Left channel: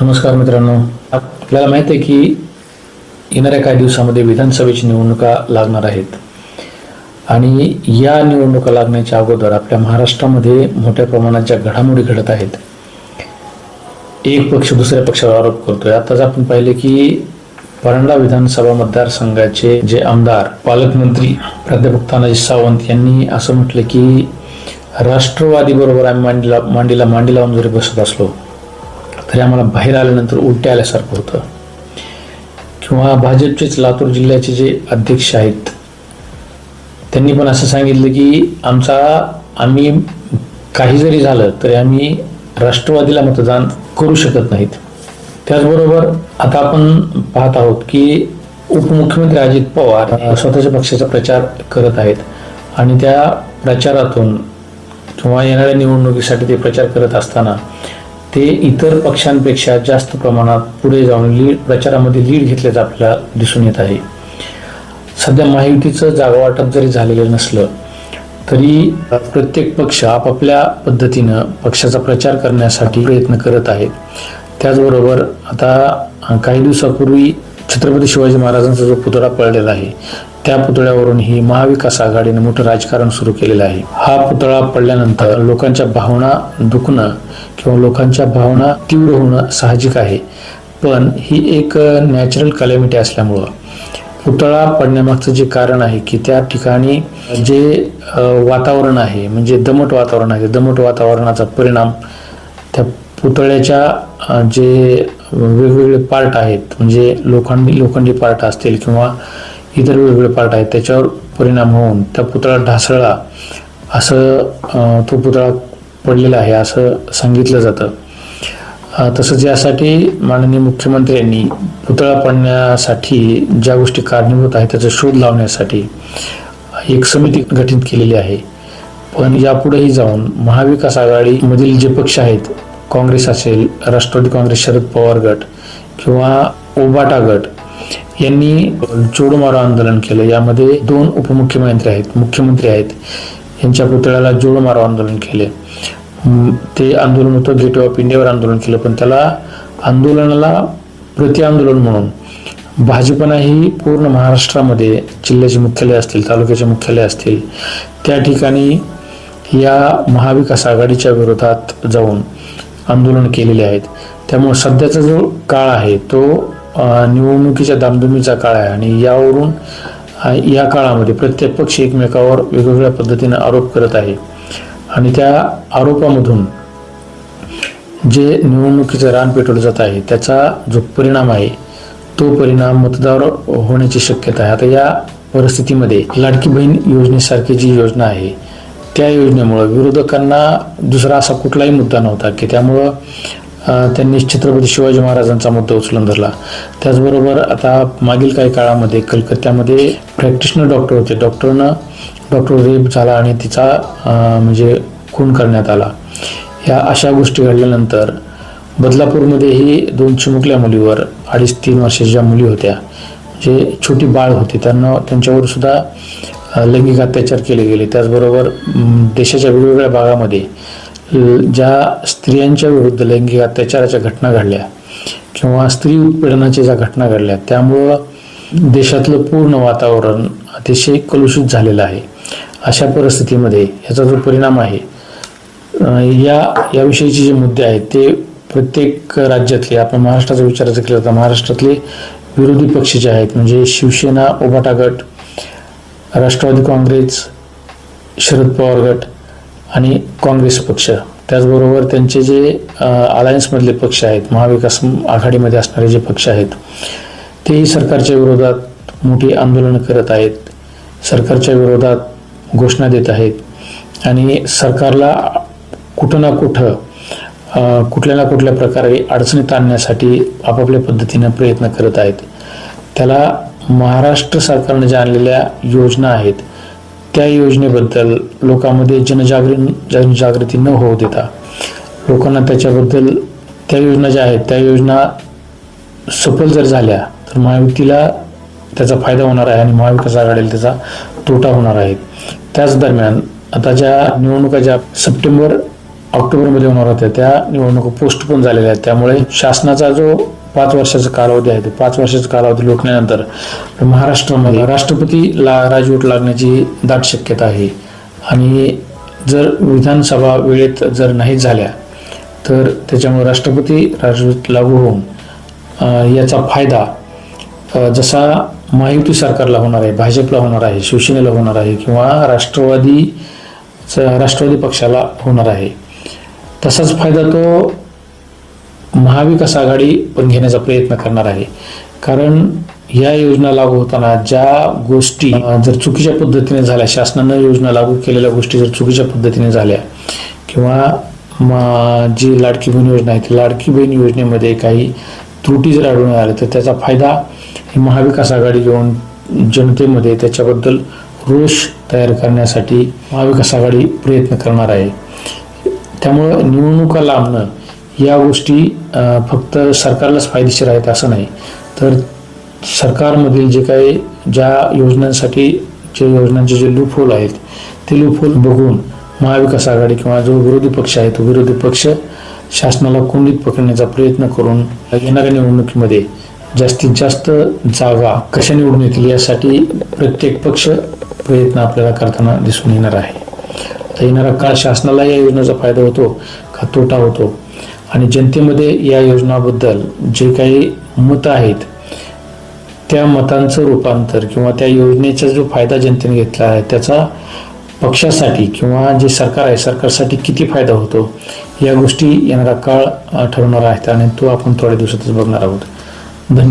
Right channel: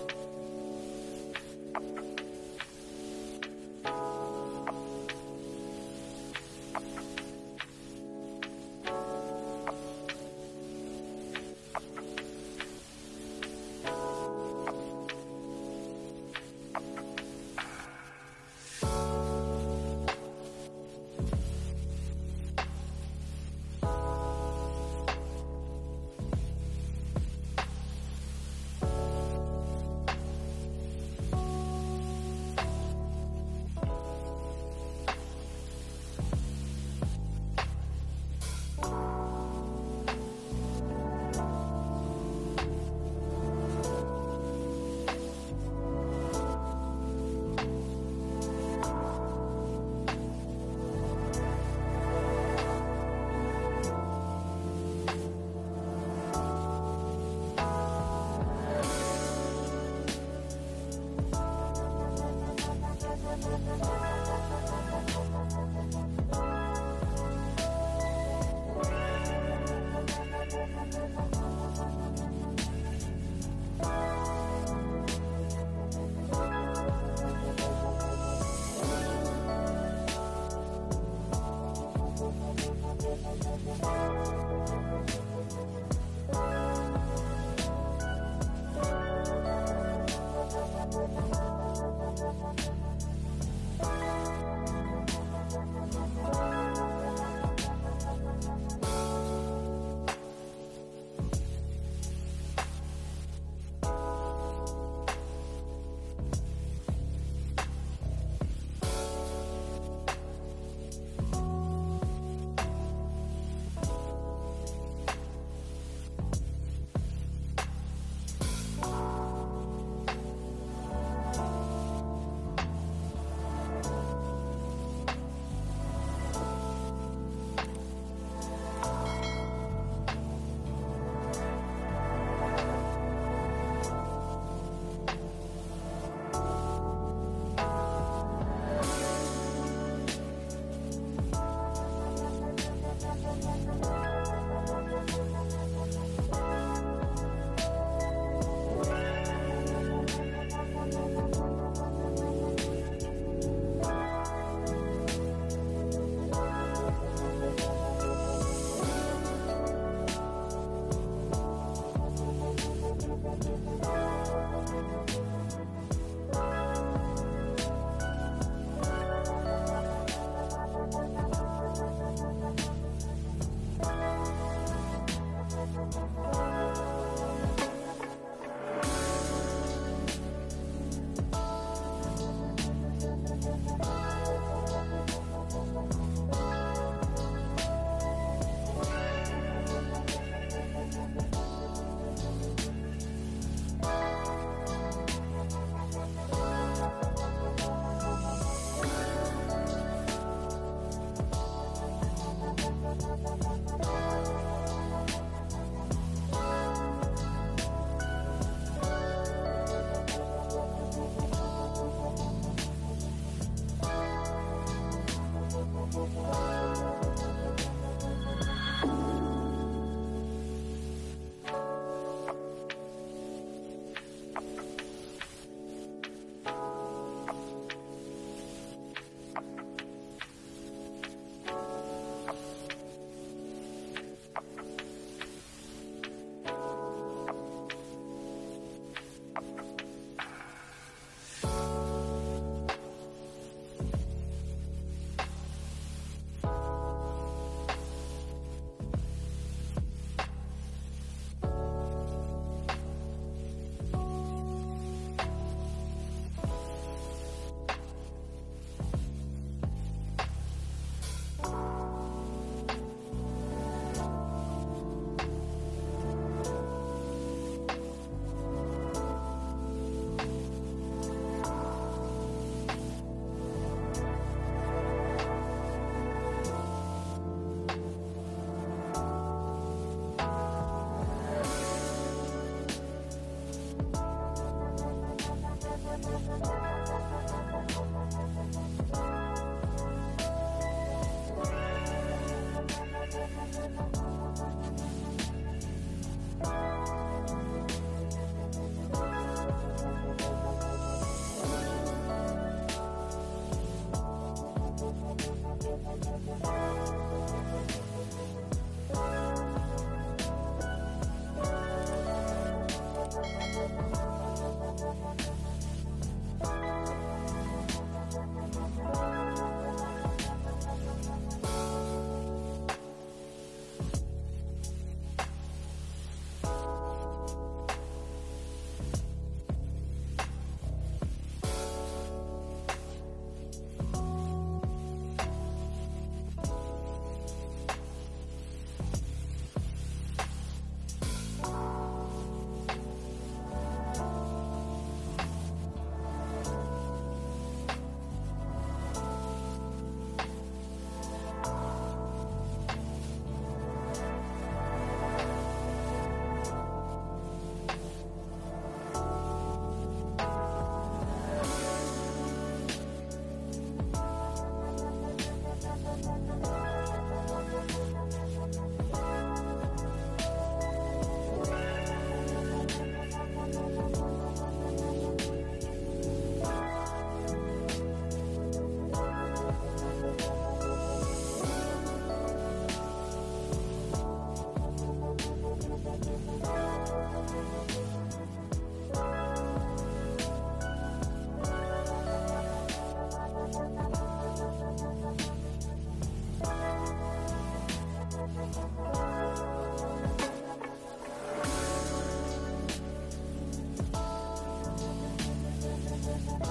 नमस्कार मित्रांनो. आपल्याला माहीत आहे की येणाऱ्या काही दिवसामध्ये विधानसभेची निवडणुका लागणार आहेत. आणि या निवडणुका लागण्याच्या अगोदर आपल्या महाराष्ट्रामध्ये मोठ्या प्रमाणात ज्या घडामोडी घडत आहेत. एक पक्ष दुसऱ्या पक्षावर आरोप करतोय. आताच आपण पाहिले की परंडा विधानसभा मतदारसंघाचे जे आमदार पालकमंत्री प्राध्यापक तानाजी सावंत यांनी असं म्हटलं की राष्ट्रवादी बरोबर आम्ही मांडीला मांडीला मांडी लावून जरी बसत असलो तरी आम्हाला बाहेर आल्यानंतर उलट्या आल्यासारखं होतं. किंवा भाजपचेच लातूर जिल्ह्याचे जे अध्यक्ष आहेत त्यांनी पण असं सांगितलं की आमचा आम्ही काही जरी झालं तरी आम्ही राष्ट्रवादीला मतदान करू शकत नाहीत. त्याचबरोबर आता आपण पाहत आहोत की उपमुख्यमंत्री अजित पवार स्वतःच्या पक्षाचा प्रचार करत आहेत आणि त्या प्रचारातून किंवा येणाऱ्या निवडणुकीसाठी ते प्रचार करत असताना ते इतर पक्षांपेक्षा जास्त प्रमाणात पुढे जाऊन लीड प्रचारामध्ये लीड घेतल्याचं आपल्याला दिसून येत आहे. सध्या महायुतीचं जागा वाटप जरी झालेलं नसलं तरी प्रत्येक पक्ष आपापल्या पद्धतीनं पक्षाचा प्रचार करण्यासाठी प्रयत्न करत आहेत त्याचबरोबर आता काही दिवसापूर्वी छत्रपती शिवाजी महाराजांचा जो पुतळा पडलेला आहे त्या पुतळ्यावरून ही महाविकास आघाडीने मोठं राजकारण सुरू केलेलं आहे. हा पुतळा पडल्यानंतर लोकांच्या भावना दुखणं किंवा लोकांच्या भावना तीव्र होणं साहजिक आहे. पण ही एक नॅचरल कॅलॅमिटी असल्यामुळं. पुतळा पडण्यामागचं जे कारण आहे की त्या ठिकाणी जे वातावरण आहे म्हणजे दमट वातावरण आहे दमट वातावरणाचा परिणाम त्या पुतळ्याच्या जे वेगवेगळे पार्ट आहेत म्हणजे लोखंडी लोखंडी पार्ट असतील किंवा इतर वेगवेगळे पार्ट आहेत त्याच्यावर परिणाम होऊन त्या पुतळा ढासळला. असं तो पुतळा पडलेलं आहे असं सांगितलं जातं. तसंच यासाठी माननीय मुख्यमंत्र्यांनी पुतळा पडण्यासाठी ज्या गोष्टी कारणीभूत आहेत त्याचा शोध लावण्यासाठी एक समिती गठीत केलेली आहे. पण यापुढेही जाऊन महाविकास आघाडीमधील जे पक्ष आहेत काँग्रेस असेल राष्ट्रवादी काँग्रेस शरद पवार गट किंवा ओबाटा गट यांनी जोडमारो आंदोलन केलं. यामध्ये दोन उपमुख्यमंत्री आहेत मुख्यमंत्री आहेत. यांच्या पुतळ्याला जोड मारो आंदोलन केले. ते आंदोलन होतं गेट ऑफ इंडियावर आंदोलन केलं पण त्याला आंदोलनाला प्रति आंदोलन म्हणून. भाजपनाही पूर्ण महाराष्ट्रामध्ये जिल्ह्याचे मुख्यालय असतील तालुक्याचे मुख्यालय असतील त्या ठिकाणी या महाविकास आघाडीच्या विरोधात जाऊन आंदोलन केलेले आहेत. त्यामुळे सध्याचा जो काळ आहे तो निवडणुकीच्या दामधुमीचा काळ आहे आणि यावरून या काळामध्ये प्रत्येक पक्ष एकमेकावर वेगवेगळ्या पद्धतीने आरोप करत आहे. आणि त्या आरोपामधून जे निवडणुकीचं रान पेटवलं जात आहे त्याचा जो परिणाम आहे तो परिणाम मतदार होण्याची शक्यता आहे. आता या परिस्थितीमध्ये लाडकी बहीण योजनेसारखी जी योजना आहे त्या योजनेमुळं विरोधकांना दुसरा असा कुठलाही मुद्दा नव्हता की त्यामुळं त्यांनी छत्रपती शिवाजी महाराजांचा मुद्दा उचलून धरला. त्याचबरोबर आता मागील काही काळामध्ये कलकत्त्यामध्ये प्रॅक्टिशनर डॉक्टर होते. डॉक्टरनं डॉक्टर रेप झाला आणि तिचा म्हणजे खून करण्यात आला. ह्या अशा गोष्टी घडल्यानंतर बदलापूरमध्येही दोन चिमुकल्या मुलीवर अडीच तीन वर्षाच्या ज्या मुली होत्या जे छोटी बाळ होती त्यांना त्यांच्यावर सुद्धा लैंगिक अत्याचार केले गेले. त्याचबरोबर देशाच्या वेगवेगळ्या भागामध्ये ज्या स्त्रियांच्या विरुद्ध लैंगिक अत्याचाराच्या घटना घडल्या किंवा स्त्री उत्पीडनाच्या ज्या घटना घडल्या त्यामुळं देशातलं पूर्ण वातावरण अतिशय कलुषित झालेलं आहे. अशा परिस्थितीमध्ये याचा जो परिणाम आहे या याविषयीचे जे मुद्दे आहेत ते प्रत्येक राज्यातले आपण महाराष्ट्राचा विचार जर केला तर महाराष्ट्रातले विरोधी पक्ष जे आहेत म्हणजे शिवसेना ओबाटा गट राष्ट्रवादी काँग्रेस शरद पवार गट आणि काँग्रेस पक्ष. त्याचबरोबर त्यांचे जे अलायन्समधले पक्ष आहेत महाविकास आघाडीमध्ये असणारे जे पक्ष आहेत तेही सरकारच्या विरोधात मोठी आंदोलनं करत आहेत. सरकारच्या विरोधात घोषणा देत आहेत. आणि सरकारला कुठं ना कुठं कुठल्या ना कुठल्या प्रकारे अडचणीत आणण्यासाठी आपापल्या पद्धतीनं प्रयत्न करत आहेत. त्याला महाराष्ट्र सरकारने ज्या आणलेल्या योजना आहेत त्या योजनेबद्दल लोकांमध्ये जनजागृ जनजागृती न होऊ देता लोकांना त्याच्याबद्दल त्या योजना ज्या आहेत त्या योजना सफल जर झाल्या तर महायुतीला त्याचा फायदा होणार आहे आणि महाविकास आघाडीला त्याचा तोटा होणार आहे. त्याच दरम्यान आता ज्या निवडणुका ज्या सप्टेंबर ऑक्टोबरमध्ये होणार होत्या. त्या निवडणुका पोस्टपोन झालेल्या आहेत. त्यामुळे शासनाचा जो पाच वर्षाचा कालावधी आहे तो पाच वर्षाचा कालावधी लोटल्यानंतर महाराष्ट्रामध्ये राष्ट्रपतीला राजवट लागण्याची दाट शक्यता आहे. आणि जर विधानसभा वेळेत जर नाही झाल्या तर त्याच्यामुळे राष्ट्रपती राजवट लागू होऊन याचा फायदा जसा महायुती सरकारला होणार आहे भाजपला होणार आहे शिवसेनेला होणार आहे किंवा राष्ट्रवादी राष्ट्रवादी पक्षाला होणार आहे. तसाच फायदा तो महाविकास आघाडी पण घेण्याचा प्रयत्न करणार आहे. कारण या योजना लागू होताना ज्या गोष्टी जर चुकीच्या पद्धतीने झाल्या शासनानं योजना लागू केलेल्या गोष्टी जर चुकीच्या पद्धतीने झाल्या किंवा जी लाडकी बहीण योजना आहे ती लाडकी बहीण योजनेमध्ये काही त्रुटी जर आढळून आल्या तर त्याचा फायदा ही महाविकास आघाडी घेऊन जनतेमध्ये त्याच्याबद्दल रोष तयार करण्यासाठी महाविकास आघाडी प्रयत्न करणार आहे. त्यामुळं निवडणुका लांबणं या गोष्टी फक्त सरकारलाच फायदेशीर आहेत असं नाही. तर सरकारमधील जे काही ज्या योजनांसाठी जे योजनांचे जे लूपहोल आहेत ते लूपहोल बघून महाविकास आघाडी किंवा जो विरोधी पक्ष आहे तो विरोधी पक्ष शासनाला कोंडीत पकडण्याचा प्रयत्न करून येणाऱ्या निवडणुकीमध्ये जास्तीत जास्त जागा कशा निवडून येतील यासाठी प्रत्येक पक्ष प्रयत्न आपल्याला करताना दिसून येणार आहे. तर येणारा काळ शासनाला या योजनेचा फायदा होतो का तोटा होतो? आणि जनतेमध्ये या योजनाबद्दल जे काही मतं आहेत त्या मतांचं रूपांतर किंवा त्या योजनेचा जो फायदा जनतेने घेतला आहे त्याचा पक्षासाठी किंवा जे सरकार आहे सरकारसाठी किती फायदा होतो? या गोष्टी येणारा काळ ठरवणार आहेत आणि तो आपण थोड्या दिवसातच बघणार आहोत. धन्यवाद.